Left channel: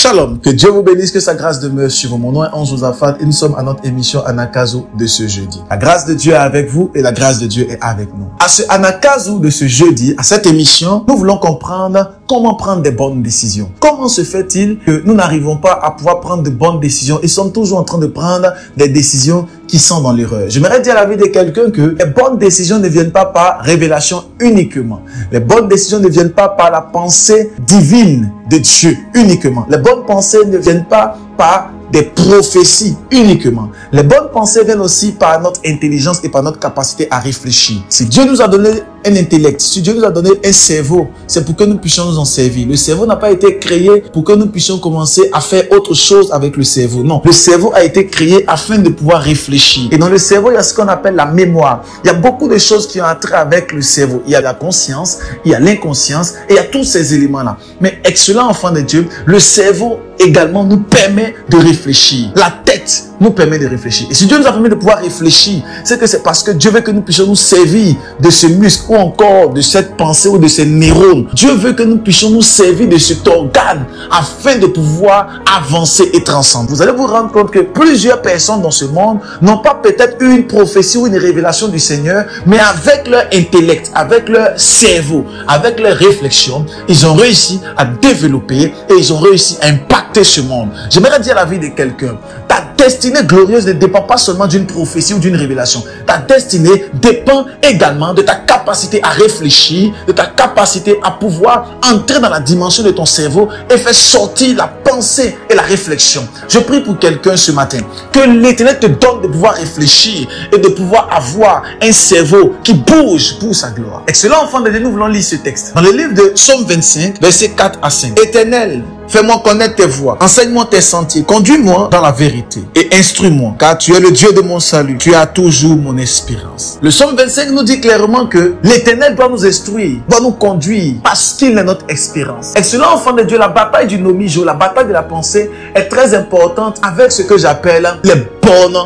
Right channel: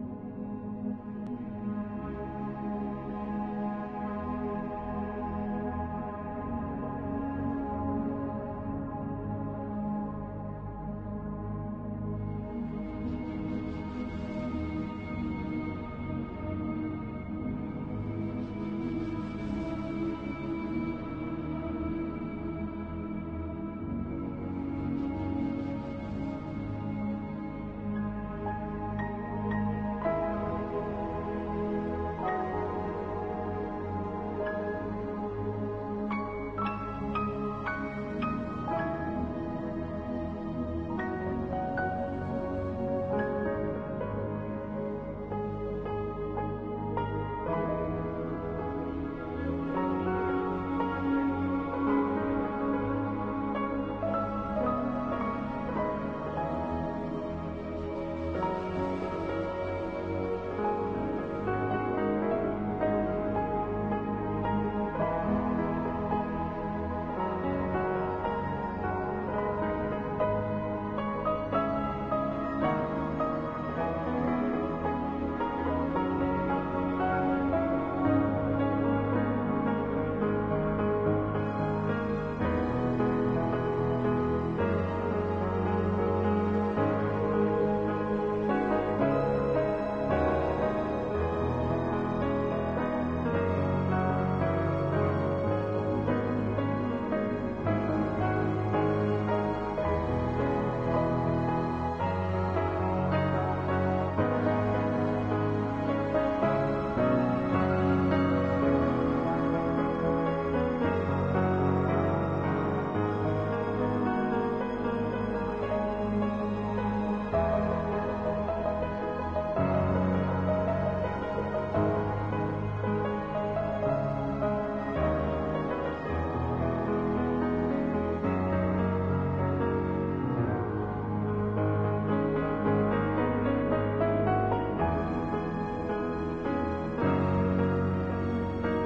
Shalom, que Dieu vous bénisse, que sa grâce demeure sur vous. Mon nom est Ange Josaphat et nous sommes à notre émission Anakazo de ce jeudi. La grâce de Dieu est avec vous et la grâce de Dieu est avec nous. À ce Anakazo de ce jeudi, à cette émission, nous voulons comprendre comment prendre des bonnes décisions. Comment se fait-il que nous n'arrivons pas à pouvoir prendre de bonnes décisions et sommes toujours en train de prendre des décisions qui sont dans l'erreur? J'aimerais dire à la vie de quelqu'un que les bonnes décisions ne viennent pas par révélation uniquement. Les bonnes décisions ne viennent pas par la pensée divine de Dieu uniquement. Les bonnes pensées ne viennent pas par des prophéties uniquement. Les bonnes pensées viennent aussi par notre intelligence et par notre capacité à réfléchir. Si Dieu nous a donné un intellect, si Dieu nous a donné un cerveau, c'est pour que nous puissions nous en servir. Le cerveau n'a pas été créé pour que nous puissions commencer à faire autre chose avec le cerveau. Non, le cerveau a été créé afin de pouvoir réfléchir. Et dans le cerveau, il y a ce qu'on appelle la mémoire. Il y a beaucoup de choses qui ont trait avec le cerveau. Il y a la conscience, il y a l'inconscience et il y a tous ces éléments-là. Mais excellent enfant de Dieu, le cerveau également nous permet de réfléchir. La tête nous permet de réfléchir. Et si Dieu nous a permis de pouvoir réfléchir, c'est que c'est parce que Dieu veut que nous puissions nous servir de ce muscle ou encore de cette pensée ou de ces neurones. Dieu veut que nous puissions nous servir de cet organe afin de pouvoir avancer et transcender. Vous allez vous rendre compte que plusieurs personnes dans ce monde n'ont pas peut-être eu une prophétie ou une révélation du Seigneur, mais avec leur intellect, avec leur cerveau, avec leur réflexion, ils ont réussi à développer et ils ont réussi à impacter ce monde. J'aimerais dire à la vie de quelqu'un, ta destinée glorieuse ne dépend pas seulement d'une prophétie ou d'une révélation. Ta destinée dépend également de ta capacité à réfléchir, de ta capacité à pouvoir entrer dans la dimension de ton cerveau et faire sortir la pensée et la réflexion. Je prie pour quelqu'un ce matin, que l'Éternel te donne de pouvoir réfléchir et de pouvoir avoir un cerveau qui bouge pour sa gloire. Excellent enfant de Dieu, nous voulons lire ce texte. Dans le livre de Psaume 25, versets 4 à 5. Éternel, fais-moi connaître tes voies, enseigne-moi tes sentiers, conduis-moi dans la vérité et instruis-moi, car tu es le Dieu de mon salut, tu as toujours mon espérance. Le Psaume 25 nous dit clairement que l'Éternel doit nous instruire, doit nous conduire, parce qu'il est notre espérance. Excellent enfant de Dieu, la bataille du nomijo, la bataille de la pensée est très importante avec ce que j'appelle les bonnes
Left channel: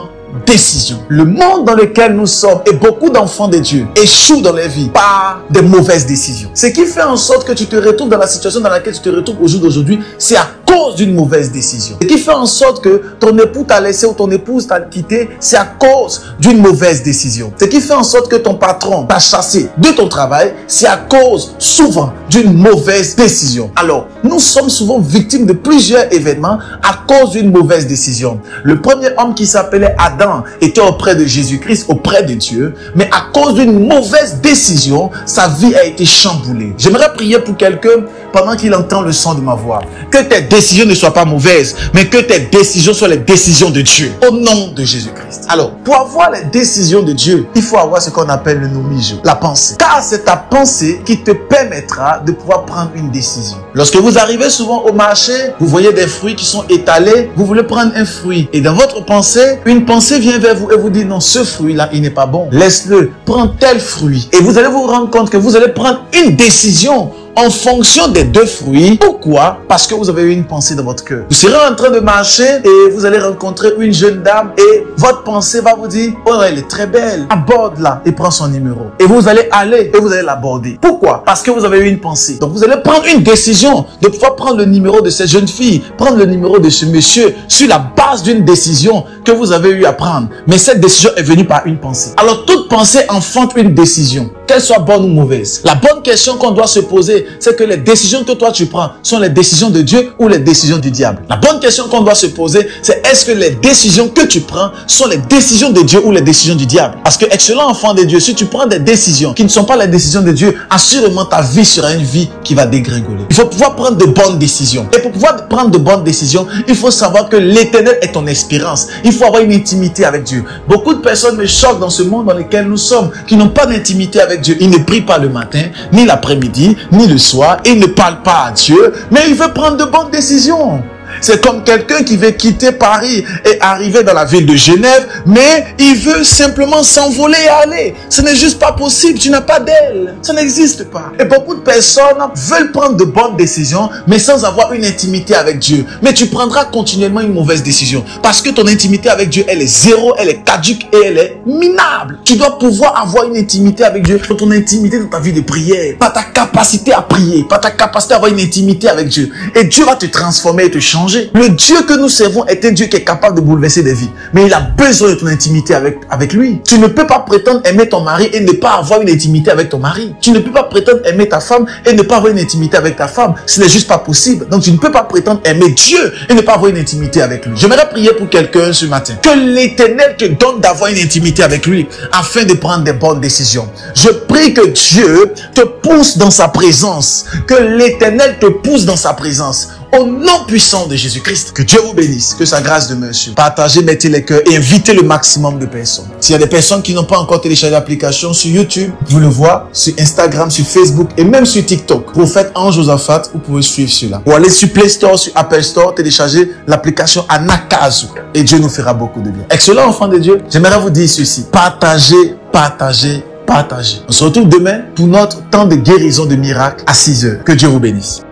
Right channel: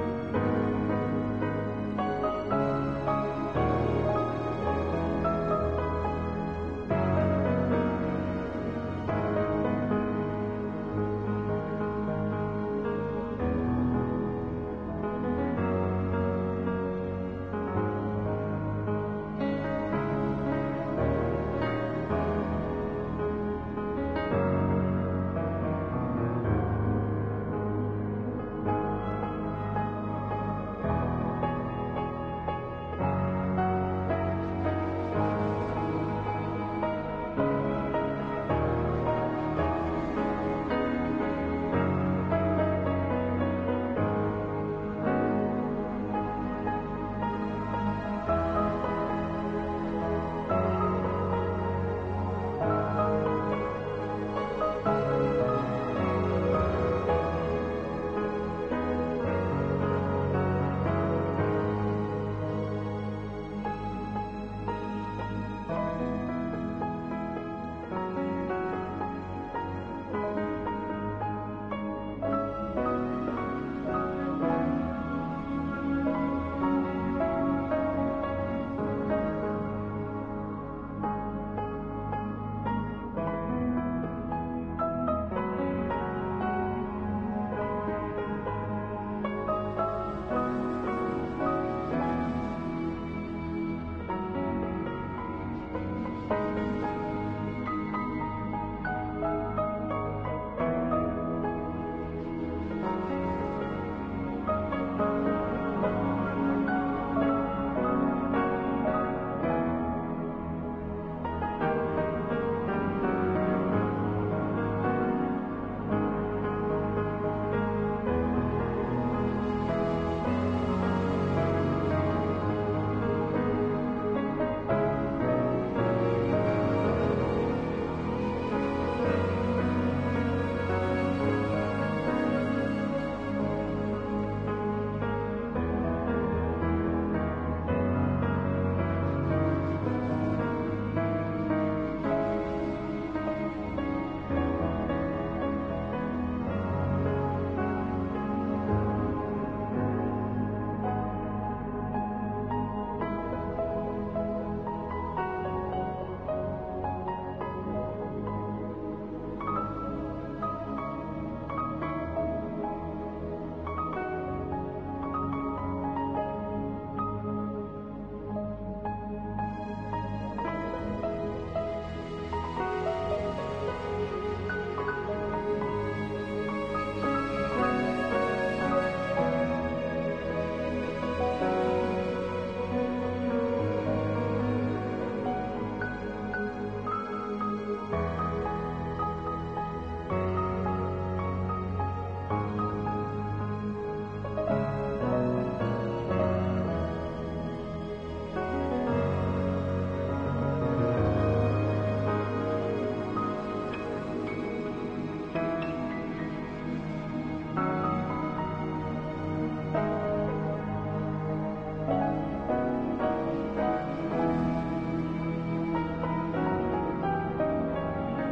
décision. Le monde dans lequel nous sommes et beaucoup d'enfants de Dieu échouent dans leur vie par des mauvaises décisions. Ce qui fait en sorte que tu te retrouves dans la situation dans laquelle tu te retrouves au jour d'aujourd'hui, c'est à cause d'une mauvaise décision. Ce qui fait en sorte que ton époux t'a laissé ou ton épouse t'a quitté, c'est à cause d'une mauvaise décision. Ce qui fait en sorte que ton patron t'a chassé de ton travail, c'est à cause souvent d'une mauvaise décision. Alors, nous sommes souvent victimes de plusieurs événements à cause d'une mauvaise décision. Le premier homme qui s'appelait Adam était auprès de Jésus-Christ, auprès de Dieu, mais à cause d'une mauvaise décision, sa vie a été chamboulée. J'aimerais prier pour quelqu'un pendant qu'il entend le son de ma voix. Que tes décisions ne soient pas mauvaises, mais que tes décisions soient les décisions de Dieu, au nom de Jésus-Christ. Alors, pour avoir les décisions de Dieu, il faut avoir ce qu'on appelle le nomijo, la pensée. Car c'est ta pensée qui te permettra de pouvoir prendre une décision. Lorsque vous arrivez souvent au marché, vous voyez des fruits qui sont étalés, vous voulez prendre un fruit. Et dans votre pensée, une pensée vient vers vous et vous dit non, ce fruit-là, il n'est pas bon. Laisse-le, prends tel fruit. Et vous allez vous rendre compte que vous allez prendre une décision en fonction des deux fruits. Pourquoi? Parce que vous avez eu une pensée dans votre cœur. Vous serez en train de marcher et vous allez rencontrer une jeune dame et votre pensée va vous dire, oh elle est très belle, aborde-la et prends son numéro. Et vous allez aller et vous allez l'aborder. Pourquoi? Parce que vous avez eu une pensée. Donc vous allez prendre une décision de pouvoir prendre le numéro de cette jeune fille, prendre le numéro de ce monsieur sur la base d'une décision que vous avez eu à prendre. Mais cette décision est venue par une pensée. Alors toute pensée enfante une décision, qu'elle soit bonne ou mauvaise. La bonne question qu'on doit se poser, c'est que les décisions que toi tu prends sont les décisions de Dieu ou les décisions du diable. La bonne question qu'on doit se poser, c'est est-ce que les décisions que tu prends sont les décisions de Dieu ou les décisions du diable? Parce que excellent enfant de Dieu, si tu prends des décisions qui ne sont pas les décisions de Dieu, assurément ta vie sera une vie qui va dégringoler. Il faut pouvoir prendre de bonnes décisions. Et pour pouvoir prendre de bonnes décisions, il faut savoir que l'Éternel est ton espérance. Il faut avoir une intimité avec Dieu. Beaucoup de personnes me choquent dans ce monde dans lequel nous sommes, qui n'ont pas d'intimité avec Dieu. Ils ne prient pas le matin, ni l'après-midi, ni le soir, et il ne parle pas à Dieu, mais il veut prendre de bonnes décisions. C'est comme quelqu'un qui veut quitter Paris et arriver dans la ville de Genève, mais il veut simplement s'envoler et aller. Ce n'est juste pas possible. Tu n'as pas d'aile. Ça n'existe pas. Et beaucoup de personnes veulent prendre de bonnes décisions, mais sans avoir une intimité avec Dieu. Mais tu prendras continuellement une mauvaise décision. Parce que ton intimité avec Dieu, elle est zéro, elle est caduque et elle est minable. Tu dois pouvoir avoir une intimité avec Dieu, ton intimité dans ta vie de prière, par ta capacité à prier, par ta capacité à avoir une intimité avec Dieu. Et Dieu va te transformer et te changer. Le Dieu que nous servons est un Dieu qui est capable de bouleverser des vies. Mais il a besoin de ton intimité avec lui. Tu ne peux pas prétendre aimer ton mari et ne pas avoir une intimité avec ton mari. Tu ne peux pas prétendre aimer ta femme et ne pas avoir une intimité avec ta femme. Ce n'est juste pas possible. Donc tu ne peux pas prétendre aimer Dieu et ne pas avoir une intimité avec lui. J'aimerais prier pour quelqu'un ce matin. Que l'Éternel te donne d'avoir une intimité avec lui afin de prendre des bonnes décisions. Je prie que Dieu te pousse dans sa présence. Que l'Éternel te pousse dans sa présence. Au nom puissant de Jésus-Christ, que Dieu vous bénisse, que sa grâce demeure sur vous. Partagez, mettez les cœurs et invitez le maximum de personnes. S'il y a des personnes qui n'ont pas encore téléchargé l'application sur YouTube, vous le voyez, sur Instagram, sur Facebook et même sur TikTok. Prophète Ange Josaphat, vous pouvez suivre cela. Ou allez sur Play Store, sur Apple Store, télécharger l'application Anakazu et Dieu nous fera beaucoup de bien. Excellent enfant de Dieu, j'aimerais vous dire ceci. Partagez, partagez, partagez. On se retrouve demain pour notre temps de guérison de miracles à 6 heures. Que Dieu vous bénisse.